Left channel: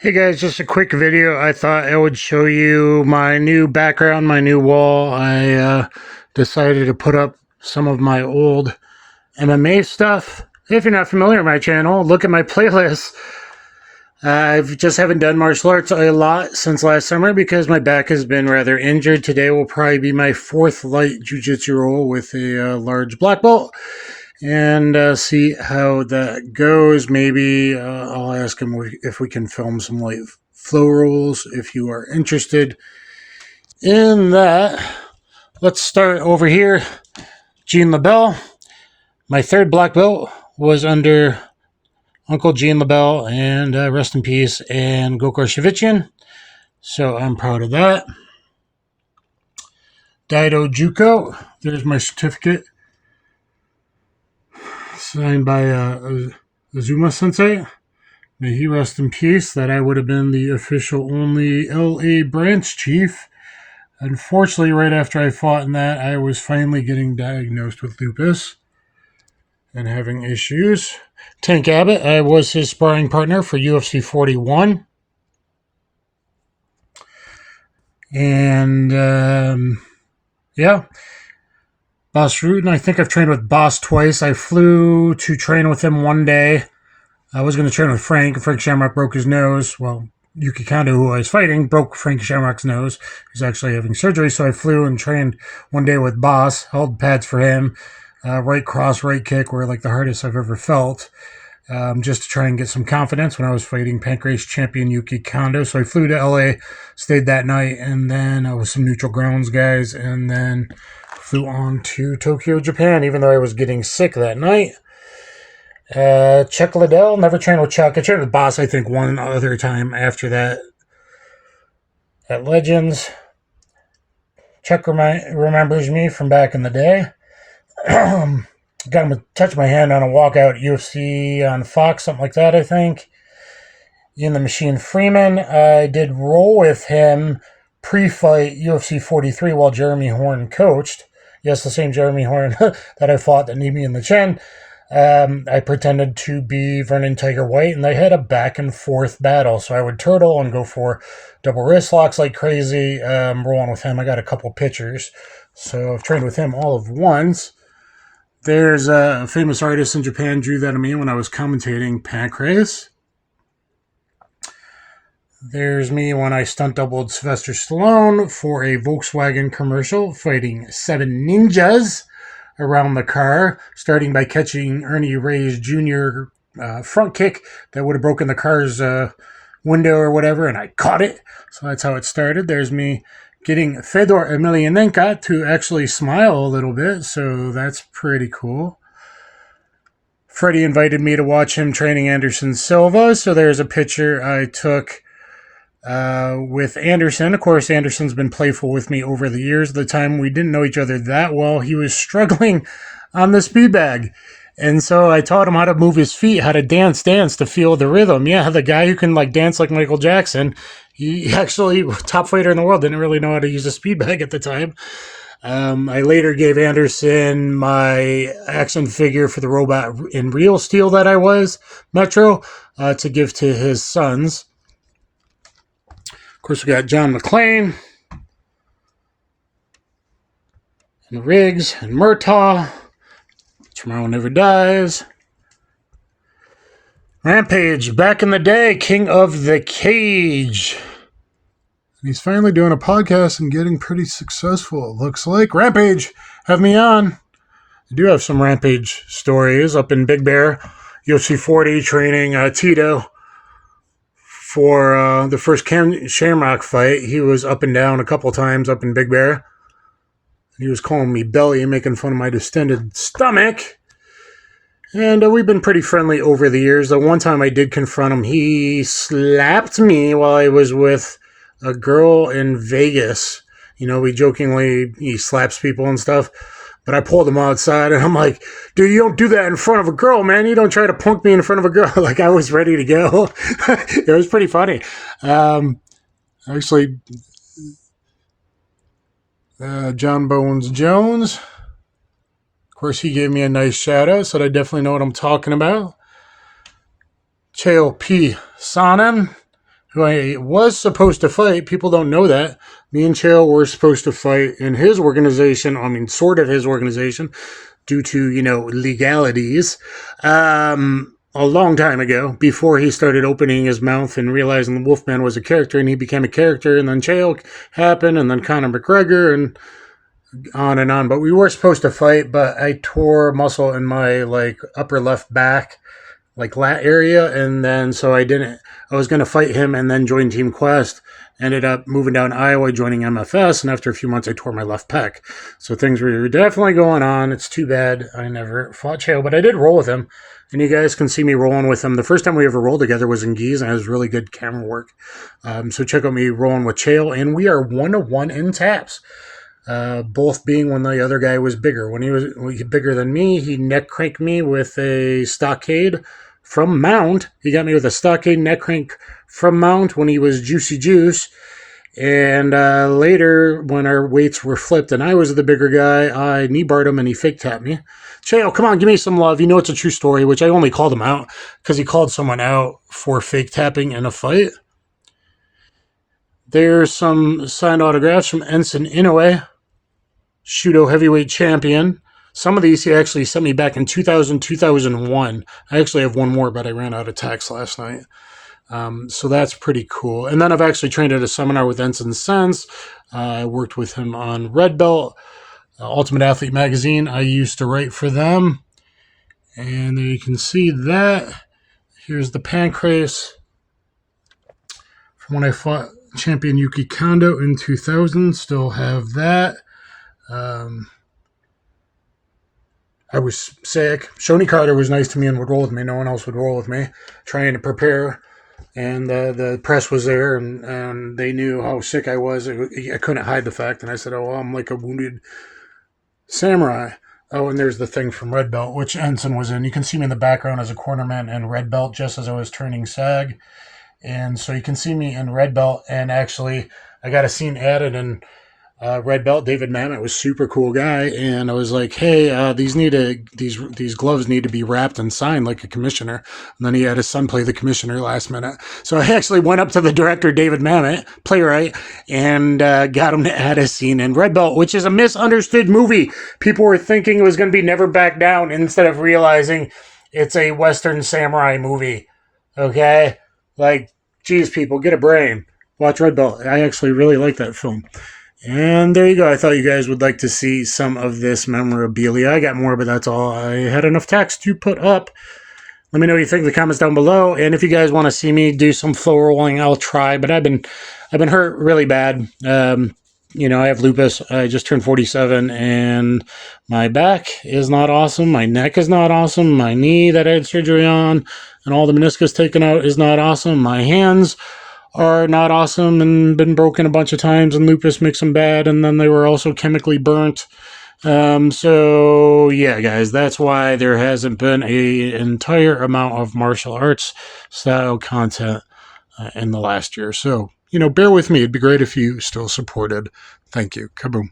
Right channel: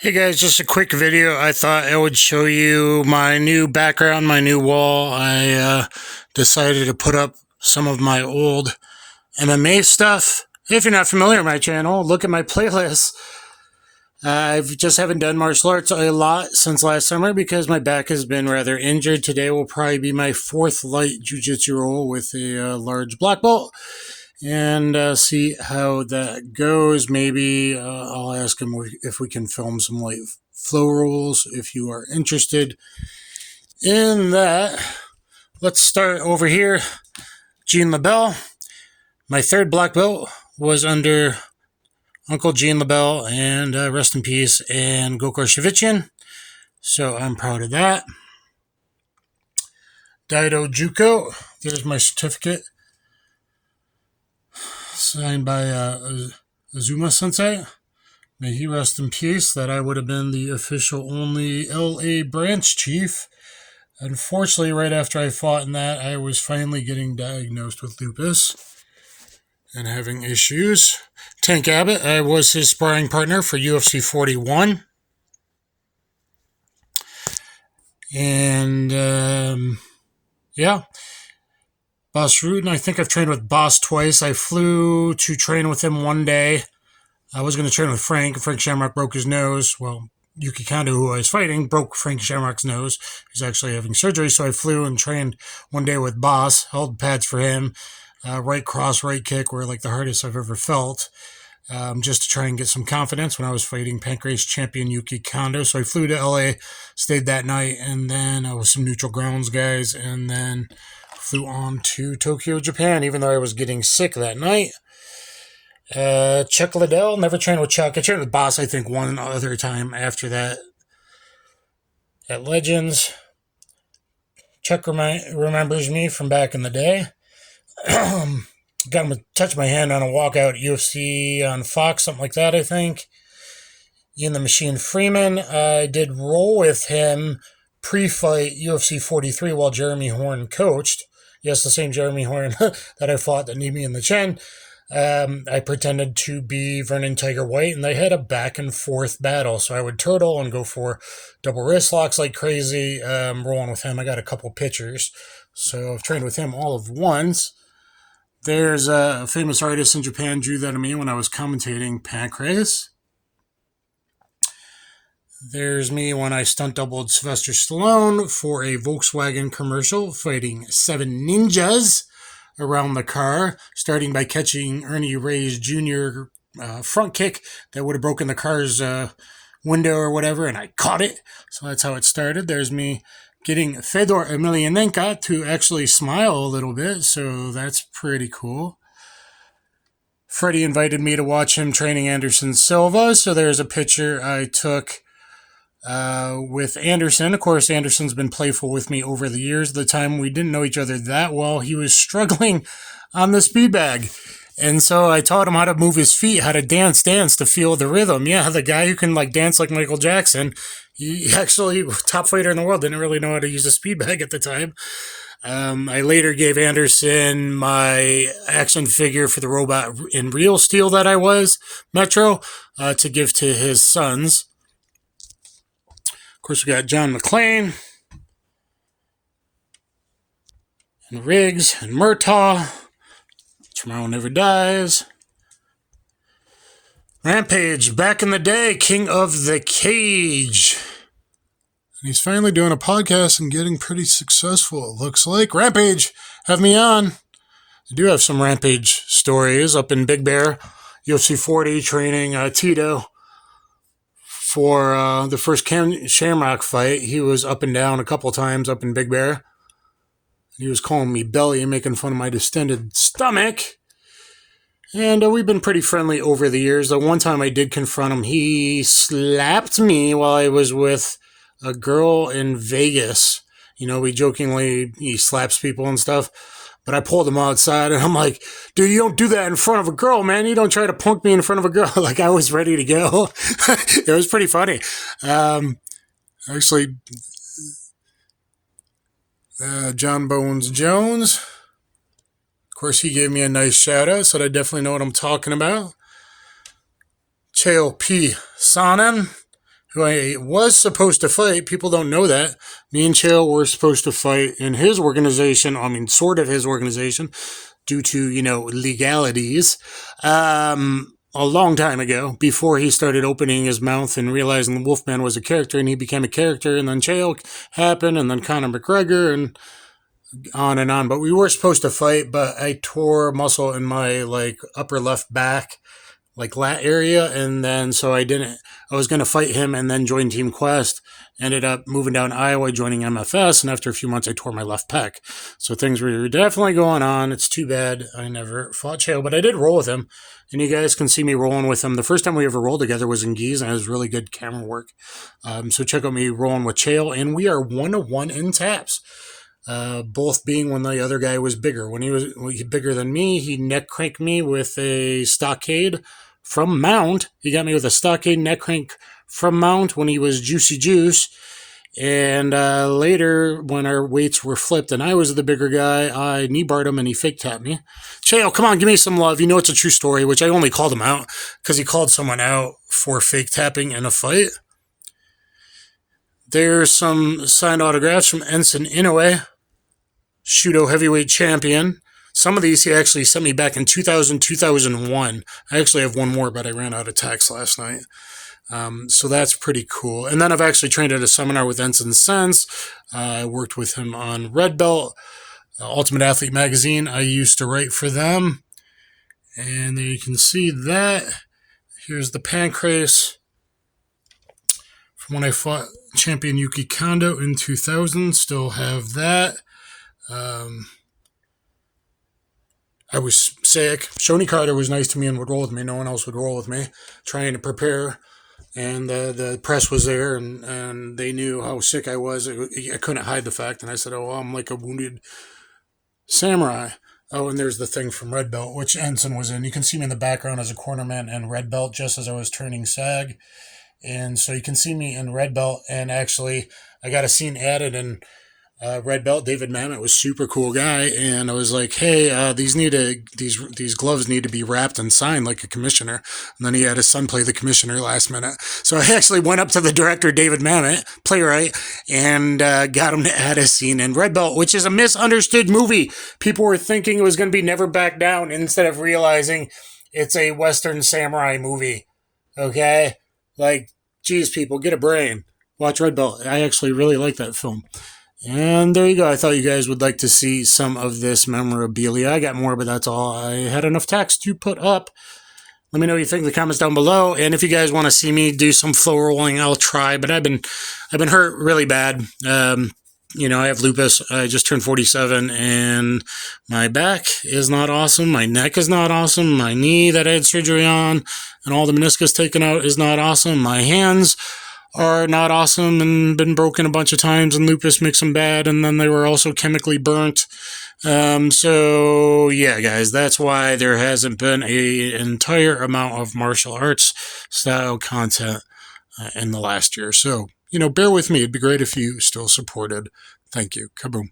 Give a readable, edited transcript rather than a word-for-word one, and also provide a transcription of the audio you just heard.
Hey guys, just a quick video. I thought I would show you my new background, my new wall. I decided to put up some of my old MMA stuff. If you're not familiar with my channel, look at my playlist. I just haven't done martial arts a lot since last summer because my back has been rather injured. Today will probably be my fourth light jiu-jitsu roll with a large black belt. And see how that goes. Maybe I'll ask him if we can film some light flow rolls if you are interested in that. Let's start over here. LeBell. My third black belt was under Uncle LeBell, and rest in peace, and Gokor Shevichin. So I'm proud of that. Daidojuku. There's my certificate. Signed by Azuma Sensei. May he rest in peace. That I would have been the official only LA branch chief. Unfortunately, right after I fought in that, I was finally getting diagnosed with lupus and having issues. Tank Abbott, I was his sparring partner for UFC 41. And, yeah. Boss Rutten, I think I've trained with Boss twice. I flew to train with him one day. I was going to train with Frank. Frank Shamrock broke his nose. Well, Yuki Kondo, who I was fighting, broke Frank Shamrock's nose. He's actually having surgery, so I flew and trained one day with Boss. Held pads for him. Right cross, right kick were like the hardest I've ever felt. Just to try and get some confidence when I was fighting Pancrase champion Yuki Kondo. So I flew to LA, stayed that night, and then with some neutral grounds guys, and then flew on to Tokyo, Japan, even though I was getting sick that night. Chuck Liddell, never trained with Chuck. I trained with Boss, I think, one other time after that at Legends. Chuck remembers me from back in the day. Got him to touch my hand on a walkout UFC on Fox, something like that, I think. In the Machine Freeman, I did roll with him pre-fight UFC 43 while Jeremy Horn coached. Yes, the same Jeremy Horn that I fought that kneed me in the chin. I pretended to be Vernon Tiger White, and they had a back and forth battle. So I would turtle and go for double wrist locks like crazy. Rolling with him, I got a couple pictures. So I've trained with him all of once. There's a famous artist in Japan drew that of me when I was commentating Pancrase. There's me when I stunt doubled Sylvestor Stallone for a Volkswagen commercial, fighting 7 ninjas around the car, starting by catching Ernie Reyes Jr. Front kick that would have broken the car's window or whatever, and I caught it. So that's how it started. There's me getting Fedor Emelianenko to actually smile a little bit, so that's pretty cool. Freddie invited me to watch him training Anderson Silva, so there's a picture I took with Anderson. Of course, Anderson's been playful with me over the years. At the time, we didn't know each other that well. He was struggling on the speed bag. And so I taught him how to move his feet, how to dance to feel the rhythm. Yeah, the guy who can dance like Michael Jackson, he actually, top fighter in the world, didn't really know how to use a speed bag at the time. I later gave Anderson my action figure for the robot in real steel that I was, Metro, to give to his sons. Of course, we got John McClane, and Riggs, and Murtaugh. Tomorrow Never Dies. Rampage, back in the day, King of the Cage. And he's finally doing a podcast and getting pretty successful, it looks like. Rampage, have me on. I do have some Rampage stories up in Big Bear, UFC 40, training Tito for the first Shamrock fight. He was up and down a couple times up in Big Bear. He was calling me belly and making fun of my distended stomach. And we've been pretty friendly over the years. The one time I did confront him, he slapped me while I was with a girl in Vegas. We jokingly, he slaps people and stuff. But I pulled him outside, and I'm like, dude, you don't do that in front of a girl, man. You don't try to punk me in front of a girl. I was ready to go. It was pretty funny. Actually, John Bones Jones. Of course, he gave me a nice shout out, so I definitely know what I'm talking about. Chael P. Sonnen, who I was supposed to fight. People don't know that. Me and Chael were supposed to fight in his organization. I mean, sort of his organization, due to, legalities. A long time ago, before he started opening his mouth and realizing the Wolfman was a character, and he became a character, and then Chael happened, and then Conor McGregor, and on and on. But we were supposed to fight, but I tore muscle in my upper left back, lat area, and then so I didn't. I was going to fight him and then join Team Quest. Ended up moving down to Iowa, joining MFS, and after a few months, I tore my left pec. So things were definitely going on. It's too bad I never fought Chael, but I did roll with him, and you guys can see me rolling with him. The first time we ever rolled together was in Gies, and it was really good camera work. So check out me rolling with Chael, and we are 1-1 in taps. Both being when the other guy was bigger. When he was bigger than me, he neck cranked me with a stockade from Mount. He got me with a stockade neck crank from Mount when he was Juicy Juice. And later, when our weights were flipped and I was the bigger guy, I knee barred him and he fake tapped me. Chael, come on, give me some love. You know it's a true story, which I only called him out because he called someone out for fake tapping in a fight. There's some signed autographs from Enson Inoue, Judo heavyweight champion. Some of these he actually sent me back in 2000, 2001. I actually have one more, but I ran out of tax last night. So that's pretty cool. And then I've actually trained at a seminar with Enson since. I worked with him on Redbelt, Ultimate Athlete magazine. I used to write for them. And there you can see that. Here's the Pancrase from when I fought champion Yuki Kondo in 2000. Still have that. I was sick. Shoney Carter was nice to me and would roll with me. No one else would roll with me. Trying to prepare. And the press was there, and they knew how sick I was. I couldn't hide the fact. And I said, oh, I'm like a wounded samurai. Oh, and there's the thing from Redbelt, which Enson was in. You can see me in the background as a cornerman in Redbelt just as I was turning SAG. And so you can see me in Redbelt. And actually, I got a scene added in Redbelt. David Mamet was super cool guy, and I was like, hey, these gloves need to be wrapped and signed like a commissioner. And then he had his son play the commissioner last minute. So I actually went up to the director, David Mamet, playwright, and got him to add a scene in Redbelt, which is a misunderstood movie. People were thinking it was going to be Never Back Down instead of realizing it's a Western samurai movie. Okay? Geez, people, get a brain. Watch Redbelt. I actually really like that film. And there you go. I thought you guys would like to see some of this memorabilia. I got more, but that's all. I had enough text to put up. Let me know what you think in the comments down below. And if you guys want to see me do some flow rolling, I'll try. But I've been hurt really bad. I have lupus. I just turned 47, and my back is not awesome. My neck is not awesome. My knee that I had surgery on and all the meniscus taken out is not awesome. My hands are not awesome and been broken a bunch of times, and lupus makes them bad, and then they were also chemically burnt. So yeah, guys, that's why there hasn't been an entire amount of martial arts style content in the last year. So, bear with me. It'd be great if you still supported. Thank you. Kaboom.